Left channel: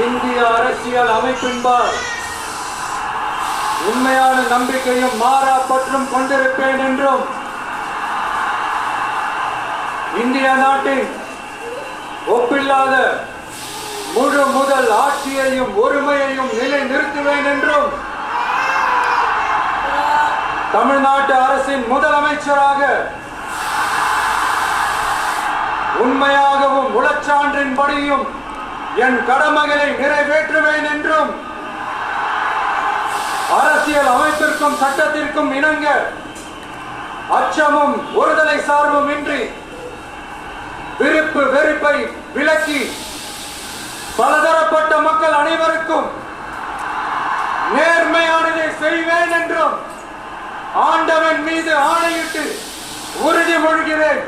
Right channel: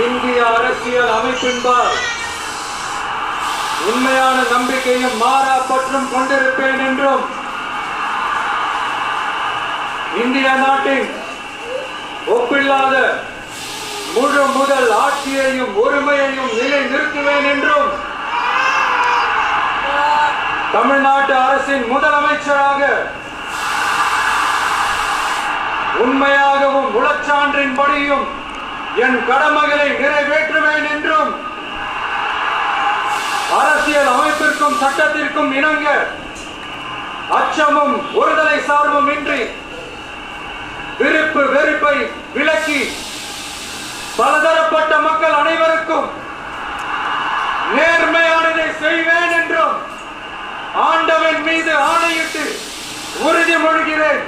இந்திய அரசியல் அமைப்பின்பால் உண்மையான நம்பிக்கையும் மாறா பற்றும் கொண்டிருப்பேன் என்றும் இந்திய நாட்டின் ஒப்பில்லாத முழு முதல் ஆட்சியையும் ஒருமையையும் நிலை நிறுத்துவேன் என்றும் தமிழ்நாட்டு அரசின் முதலமைச்சராக உண்மையாகவும் உளச்சான்றின்படியும் என் கடமைகளை நிறைவேற்றுவேன் என்றும் அரசியல் அமைப்பிற்கும் சட்டத்திற்கும் இணங்க அச்சமும் ஒருதலை சார்பும் இன்றி விருப்பு வெறுப்பை விலக்கி பலதரப்பட்ட மக்கள் அனைவருக்கும் நேர்மையானதை செய்வேன் என்றும் ஆண்டவன் மீது ஆணையிட்டு உறுதிமொழிகிறேன்.